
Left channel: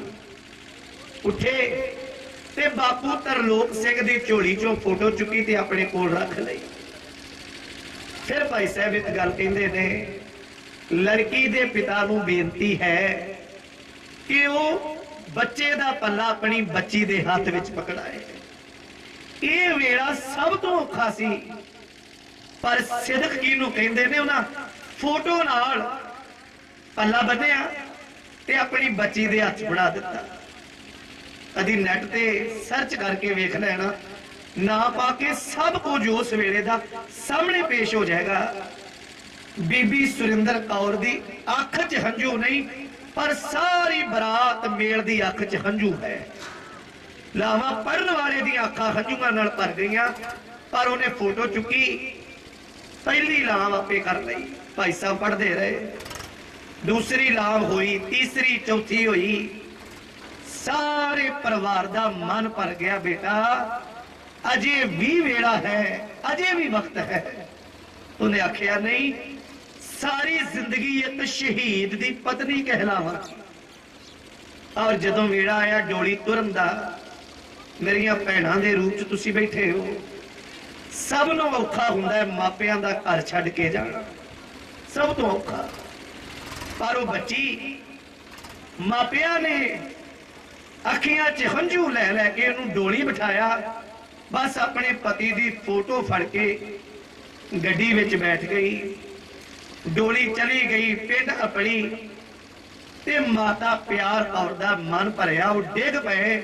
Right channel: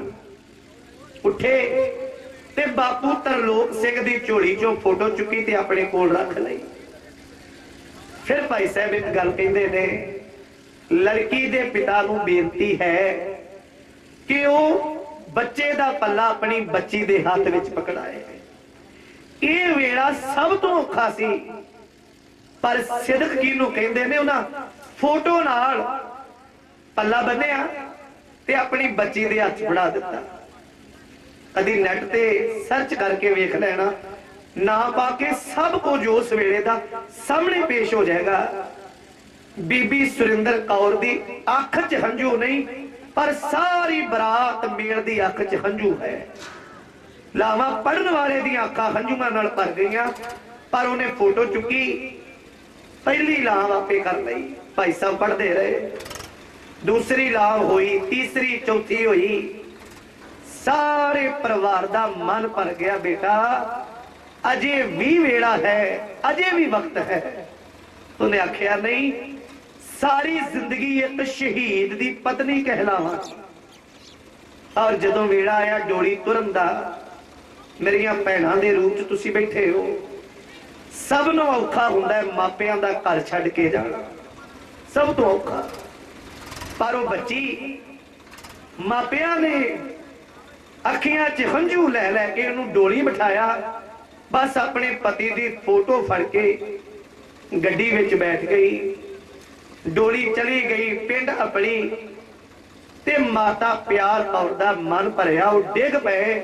ਉੱਠੇ ਤੇ ਬਾਪੂ ਤਰਲੋਕ ਸਿੰਘ ਦੀ ਝੋਲੀ ਚੋਂ ਫੋਟੋ ਚੁੱਕੀ ਤੇ ਆਪਣੇ ਕੋਲ ਰੱਖ ਲਈ। ਫਿਰ ਭਾਈ ਸਾਹਿਬ ਇੱਕ ਗੱਲ ਕਹਿੰਦੇ ਨੇ, ਲੜਕੀ ਦੇ ਪਿਤਾ ਨੂੰ ਬੇਨਤੀ ਹੈ ਕਿ ਉਹ ਬੱਚੇ ਦਾ ਪੱਲਾ ਆਪਣੀ ਬੱਚੀ ਦੇ ਹੱਥ ਵਿੱਚ ਪਕੜਾਏ। ਇਹ ਵੇਲਾ ਸਭ ਤੋਂ ਔਖਾ ਸੀ, ਪਰ ਸਿਦਕ ਕਿਹਨੂੰ ਕਹਿੰਦੇ ਨੇ, ਉਹਨਾਂ ਫੋਟੋ ਨਾਲ ਪੱਲਾ ਬੰਨਿਆ ਤੇ ਆਪਣੀ ਬੱਚੀ ਦੇ ਹੱਥ ਫੜਾ ਦਿੱਤਾ। ਕਦੀ ਨੈਟ ਤੇ ਸਰਚ ਕਰਕੇ ਵੇਖ ਲੈਣਾ, ਨਾ ਪਾ ਕੇ ਸਭ ਕੁਝ ਉਸ ਵੇਲੇ ਦਾ ਸਾਹਮਣੇ ਪੇਸ਼ ਹੋ ਜਾਏਗਾ। ਬੀਬੀ ਸੁਰਿੰਦਰ ਕੌਰ ਦੀ ਅੱਖ 'ਚ ਹੰਝੂ ਨਹੀਂ, ਪਰ ਸਾਰੀ ਬਰਾਤ ਮੇਲ ਦੀ ਅੱਖ 'ਚ ਹੰਝੂ ਹੈ। ਲਾਵਾਂ ਪੜਨ ਵਾਲੇ ਦੀਆਂ ਅੱਖਾਂ ਹੰਝੂਆਂ ਨਾਲ ਭਰ ਗਈਆਂ, ਪਰ ਉਹਨੇ ਫੋਟੋ ਚੁੱਕੀ, ਪਹਿਲੀ ਲਾਮ ਆਪੇ ਕਰ ਲਈ। ਭਾਈ ਸਾਹਿਬ ਪੜਦੇ ਰਹੇ, ਦੂਸਰੀ ਲਾਮ ਹੋਈ, ਤੀਸਰੀ, ਚੌਥੀ ਹੋਈ। ਸਾਰੇ ਪਰਿਵਾਰ ਦਾ ਮਨ ਭਰ ਗਿਆ। ਬੇਟਾ ਅਜੇ ਵੀ ਵੇਲਾ ਹੈ, ਅਜੇ ਵੀ ਵਕਤ ਹੈ। ਉਹਨੇ ਆਖਿਆ ਨਹੀਂ, ਸਾਰੀ ਜ਼ਿੰਦਗੀ ਇੱਕ ਸ਼ਹੀਦ ਦੀ ਪਤਨੀ ਕਹਿਲਾਵਾਂ। ਔਰ ਜਦੋਂ ਵੇਲਾ ਆਇਆ ਡੋਲੀ ਤੁਰਨ ਦਾ, ਮੇਰੀਆਂ ਭੈਣਾਂ ਦੇ ਰੂਪ 'ਚ ਤੁਸੀਂ ਬੈਠੇ ਹੋ। ਸਭ ਨੂੰ ਔਖਾ ਹੁੰਦਾ ਮਾਪਿਆਂ ਦਾ ਘਰ ਛੱਡ ਕੇ ਜਾਣਾ, ਸਭ ਤੋਂ ਔਖਾ। ਪਰ ਉਹ ਬੱਚੀ, ਮਾਪਿਆਂ ਨੇ ਅੱਖੀਆਂ 'ਚ ਹੰਝੂ ਲੈ ਲੈ ਕੇ ਉਹਨੂੰ ਡੋਲੀ ਬਿਠਾਇਆ। ਬਸ ਆਪਣੇ ਪਤੀ ਦੀ ਫੋਟੋ ਫੜ ਕੇ ਗੱਡੀ ਵਿੱਚ ਬੈਠ ਗਈ। ਡੋਲੀ ਚਲੀ ਗਈ ਪਿੰਡ ਆਪਣੀ ਤੇ ਮਾਤਾ ਪਿਆਰ ਕੌਰ ਦਾ ਮਨ ਭਰਿਆ। ਉਹ ਡਿੱਗ ਪਏ,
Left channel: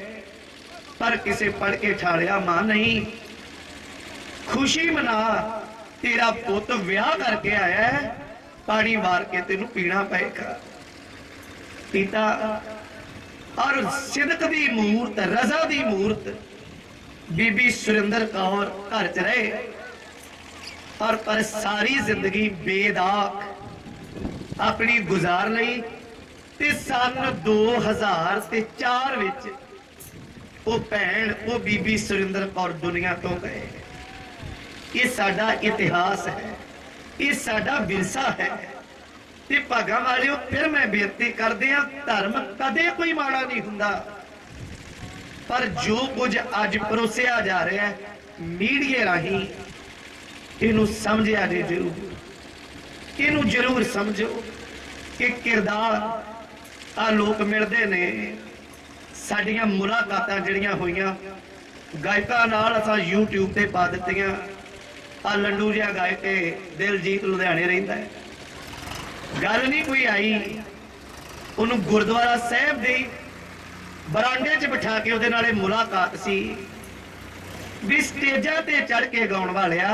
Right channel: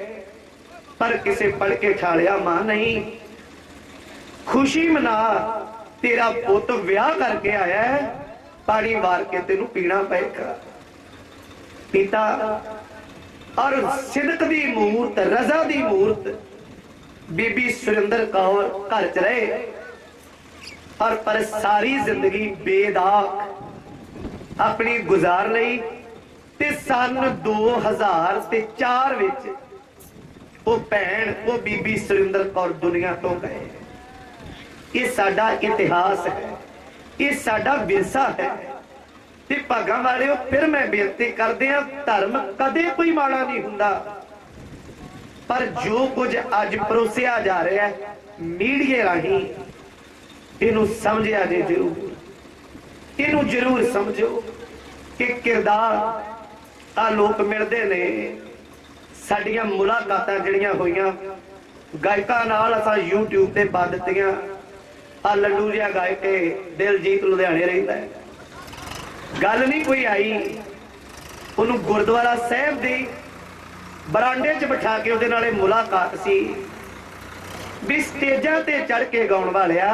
ਪਰ ਕਿਸੇ ਪੜ ਕੇ ਠਾਲਿਆ। ਮਾਂ ਨਹੀਂ, ਖੁਸ਼ੀ ਮਨਾ, ਤੇਰਾ ਪੁੱਤ ਵਿਆਹ ਕਰਕੇ ਆਇਆ ਹੈ, ਪਾਣੀ ਵਾਰ ਕੇ ਤੈਨੂੰ ਪੀਣਾ ਪਏਗਾ। ਪਿਤਾ ਔਰ ਸਿਦਕ ਦੀ ਮੂਰਤ, ਰਜ਼ਾ ਦੀ ਮੂਰਤ ਬੀਬੀ ਸੁਰਿੰਦਰ ਕੌਰ ਘਰ 'ਚ ਰਹੇ। ਔਰ ਪਰ ਸਾਰੀ ਜ਼ਿੰਦਗੀ ਬੇਦਾਗ ਆਪਣੀ ਗੁਜ਼ਾਰ ਲਈ। ਤੇ ਸਨ 2004 ਵਿੱਚ ਉਹ ਭੈਣ, ਉਹ ਬੀਬੀ ਸੁਰਿੰਦਰ ਕੌਰ ਦੁਨੀਆ ਤੋਂ ਗਏ। ਇਹ ਸਾਡਾ ਇਤਿਹਾਸ ਹੈ, ਇਹ ਸਾਡਾ ਵਿਰਸਾ ਹੈ। ਤੇ ਭਾਗਾਂ ਵਾਲਿਓ, ਫਿਰ ਮੈਂ ਬੇਨਤੀ ਕਰਦੇ ਆ, ਧਰਮ ਕਦੇ ਕੋਈ ਮਾੜਾ ਨਹੀਂ ਹੁੰਦਾ, ਪਰ ਜੋ ਕੁਝ ਅੱਜ ਪਰੋਸਿਆ ਜਾ ਰਿਹਾ ਹੈ ਮੀਡੀਆ ਰਾਹੀਂ, ਇਹਨੂੰ ਸਮਝਿਆ ਜੇ ਜ਼ਰੂਰ, ਇਹਨੂੰ ਜ਼ਰੂਰ ਸਮਝੋ ਕਿ ਕਿਰਦਾਰ ਆ ਲੋਕ ਮਿਲਦੇ ਨੇ। ਸਾਡੀਆਂ ਮੁਲਾਕਾਤਾਂ ਜਿਹੜੀਆਂ ਹੋਈਆਂ ਗਾਇਕਾਂ ਨਾਲ ਅਸਾਂ YouTube ਤੇ ਪਾ ਦਿੱਤੀਆਂ। ਆ ਲੱਡੂ ਜਿਹਾ ਗਾਇਕ ਤੇ ਦਿਲਜੀਤ ਲੁਧਿਆਣੇ ਰਹਿੰਦਾ ਹੈ। ਗੱਲ ਨਹੀਂ ਕੋਈ ਆਈ, ਉਹਨੂੰ ਗੁਰਦੁਆਰਾ ਸਾਹਿਬ ਦੇ ਬਰਾਂਡੇ 'ਚ ਬਿਠਾ ਕੇ ਉਹਦੇ ਨਾਲੇ ਮੁਲਾਕਾਤ ਸੀ ਵੀ ਸਟੇਜਾਂ ਤੇ ਚੜ ਕੇ ਗਾਉਣ ਵਾਲਿਆ,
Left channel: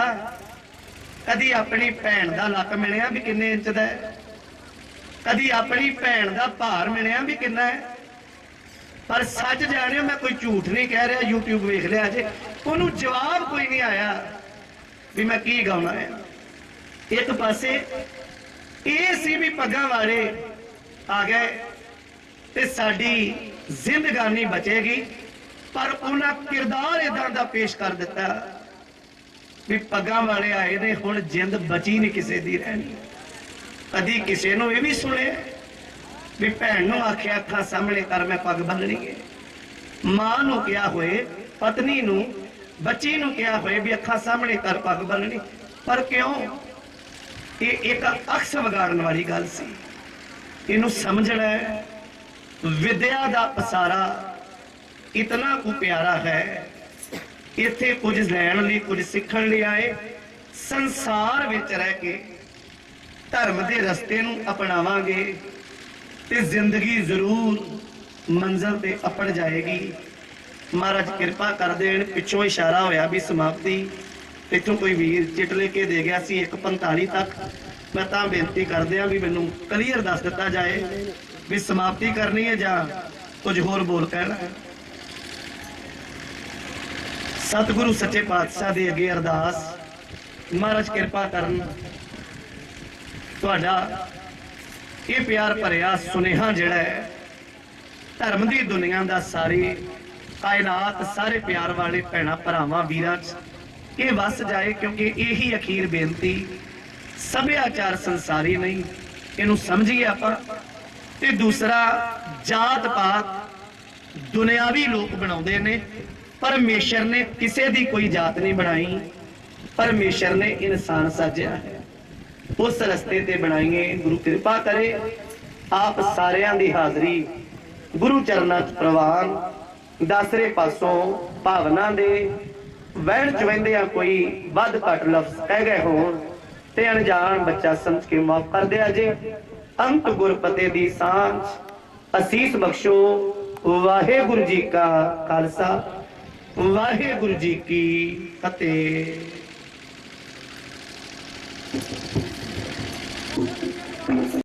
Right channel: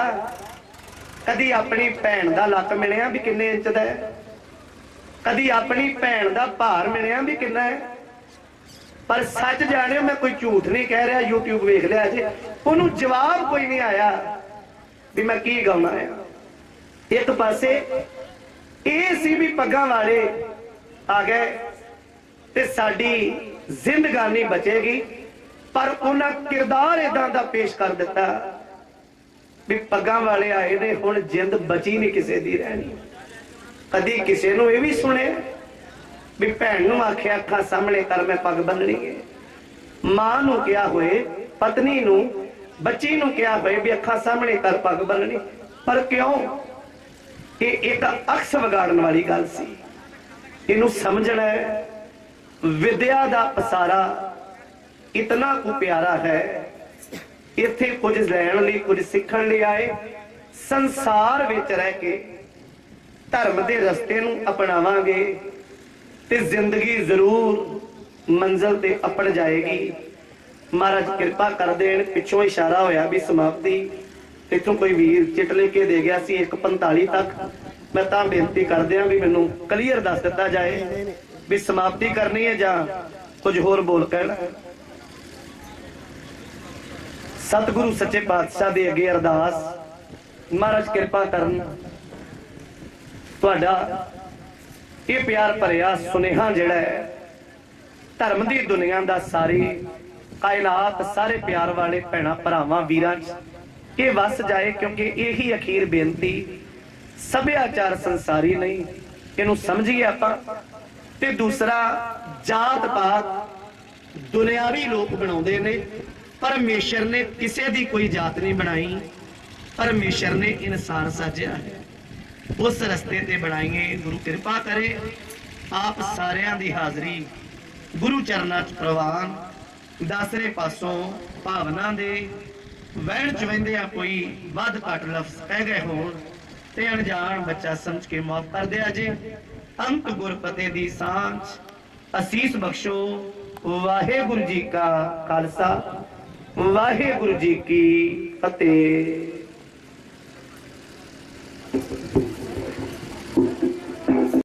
ਕਦੀ ਆਪਣੀ ਭੈਣ ਦਾ ਲੱਕ ਮਿਲਿਆ ਵੀ ਕਿੰਨੇ ਇੰਚ ਦਾ ਹੈ, ਕਦੀ ਆਪਣੀ ਭੈਣ ਦਾ ਭਾਰ ਮਿਲਿਆ ਵੀ ਕਿੰਨਾ ਹੈ। ਪਰ ਸੱਚ ਜਾਣਿਓ, ਮੈਂ ਕੋਈ ਝੂਠ ਨਹੀਂ ਕਹਿ ਰਿਹਾ, YouTube ਵੇਖ ਲਿਆ ਜੇ। ਉਹਨੂੰ ਜਵਾਬ ਕੋਈ ਨਹੀਂ ਆਇਆ ਵੀ ਮੈਂ ਕੀ ਗਾਉਣਾ ਹੈ। ਇੱਕ ਪਾਸੇ ਇਹ ਸੀ ਵੀ ਪੱਗਾਂ ਵਾਲੇ ਆ ਗਏ ਤੇ ਸਾਡੀ ਜ਼ਿੰਦਗਾਨੀ ਬਚੇਗੀ, ਪਰ ਉਹਨਾਂ ਕਿਰਦਾਰ ਇਦਾਂ ਦਾ ਪੇਸ਼ ਕਰ ਦਿੱਤਾ ਵੀ ਪੱਗਾਂ ਵਾਲੇ ਆਏ ਨੇ, ਹੁਣ ਜਿੰਦ ਬਚੀ ਨਹੀਂ ਕਿਸੇ ਦੀ ਰਹਿਣੀ। ਕਦੀ ਕਿਸੇ ਨੂੰ ਇਹ ਵੀ ਸੁਣਿਆ ਵੀ ਭੈਣ ਨੂੰ ਆਖਿਆ ਅੱਖਾਂ ਸਾਹਮਣੇ ਕਰ ਮੈਂ ਪੱਗ ਬੰਨਣੀ ਹੈ, ਮਾਂ ਨੂੰ ਕਿਹਾ ਹੋਏ, ਪਤਨੀ ਨੂੰ, ਬੱਚੀ ਨੂੰ ਕਿਹਾ ਹੋਏ ਵੀ ਅੱਖਾਂ ਸਾਹਮਣੇ ਕਰ ਪੱਗ ਬੰਨਣੀ। ਪਰ ਕਿਉਂ? ਇਹ ਇੱਕ ਅਕਸ ਵਿਗਾੜਨ ਵਾਲੀ ਗੱਲ ਸੀ। ਇਹਨੂੰ ਸਮਝਣਾ ਹੈ। ਵਿਦਿਆ ਦਾ ਪਸਾਰਾ ਇਤਨਾ ਕੁ ਪਿਆਰਾ ਹੈ। ਇੱਥੇ ਕੁਝ ਲੈਣ ਲਈ, ਕੁਝ ਸਿੱਖਣ ਲਈ ਆਏ। ਸੰਸਾਰ ਵਿੱਚ ਰਹਿ ਕੇ ਧਰਮ ਦੇ ਰਸਤੇ ਨੂੰ ਅਪਣਾਵਾਂਗੇ ਤੇ ਜ਼ਿੰਦਗੀ ਜ਼ਰੂਰ ਮੰਜ਼ਿਲ ਤੇ ਅਪੜ ਜਾਏਗੀ। ਮਹਾਰਾਜ ਕਿਰਪਾ ਕਰ ਦੇਣ। ਪਿੱਛੋਂ ਇਸ਼ਾਰਾ ਹੋਇਆ ਵੀ ਸਮਾਪਤੀ, ਇੱਥੋਂ ਕੋਈ ਵੀਰ ਚਿੱਟ ਲੈ ਕੇ ਦੇ ਗਿਆ ਸੀ 1:45 ਤੱਕ। ਮੈਂ ਤਾਂ ਬੇਨਤੀ ਕਰਦੇ ਆ ਵੀ ਮੈਨੂੰ ਕਲੀਅਰ ਦੱਸ ਦਿੱਤਾ ਜਾਏ ਵੀ ਸਮਾਪਤੀ ਕਰਨੀ ਹੈ ਜਾਂ ਕੁਝ ਹੋਰ ਬੋਲ ਕਹਿਣਾ ਹੈ। ਸਤਿਗੁਰੂ ਸੱਚੇ ਪਾਤਸ਼ਾਹ ਦੇ ਅੱਗੇ ਅਰਦਾਸ, ਮਹਾਰਾਜ ਕਿਰਪਾ ਕਰਨ ਤੁਹਾਡਾ ਇਹ ਪਿਆਰ ਭਰਿਆ ਸੁਨੇਹਾ ਜਿਹੜਾ ਹੈ ਧਰਮ ਦੀ ਦੁਨੀਆ ਦਾ, ਸਾਰੀ ਕਾਇਨਾਤ, ਸਾਰੇ ਪਿਆਰ ਵਾਲੇ ਭੈਣਾਂ ਭਰਾਵਾਂ ਵੀਰਾਂ 'ਚ ਇਹ ਵਸ ਜਾਏ, ਕਿਉਂਕਿ ਇਹੀ ਅਖੀਰ ਬੇਨਤੀ। ਸੱਭਿਆਚਾਰ ਸੰਸਾਰੀ ਨਹੀਂ, ਇਹਨੂੰ ਸਮਝੀਏ ਆਪਾਂ। ਤੇ ਦੂਸਰਾ, ਜਾਤ ਪਾਤ ਦੁਨਿਆਵੀ ਲੋਕ ਬਣਾਉਂਦੇ ਨੇ, ਪਰਮੇਸ਼ਰ ਨੇ ਕਿਸੇ ਦੀ ਕੋਈ ਜਾਤ ਨਹੀਂ ਬਣਾਈ। ਪਰਮੇਸ਼ਰ ਨੇ ਇਨਸਾਨ ਸਾਜਿਆ ਹੈ, ਉਸ ਰਸਤੇ ਤੇ ਬਣਾਈਏ। ਗੁਰੂ ਕਿਰਪਾ ਕਰੇ ਆਪ ਸਾਰਿਆਂ ਦੀ ਹਾਜ਼ਰੀ ਗੁਰੂ ਚਰਨਾਂ 'ਚ ਪ੍ਰਵਾਨ। ਦਸਰੇ ਪਾਸੋਂ ਭਾਵਨਾ ਦੇ ਵਹਿਣ 'ਚ ਵਹਿੰਦੇ ਆ ਕੋਈ ਵੱਧ ਘੱਟ ਲਫ਼ਜ਼ ਕਹਿ ਗਏ ਹੋਣ ਤੇ ਅਣਜਾਣ ਬੱਚਾ ਸਮਝ ਕੇ ਮਾਫ ਕਰ ਦਿਆ ਜੇ। ਅੰਤ ਗੁਰਪਤੇ ਦੀ ਸਾਂਝ ਅਸੀਸ ਬਖਸ਼ੋ। ਵਾਹਿਗੁਰੂ ਜੀ ਕਾ ਖਾਲਸਾ, ਵਾਹਿਗੁਰੂ ਜੀ ਕੀ ਫਤਿਹ।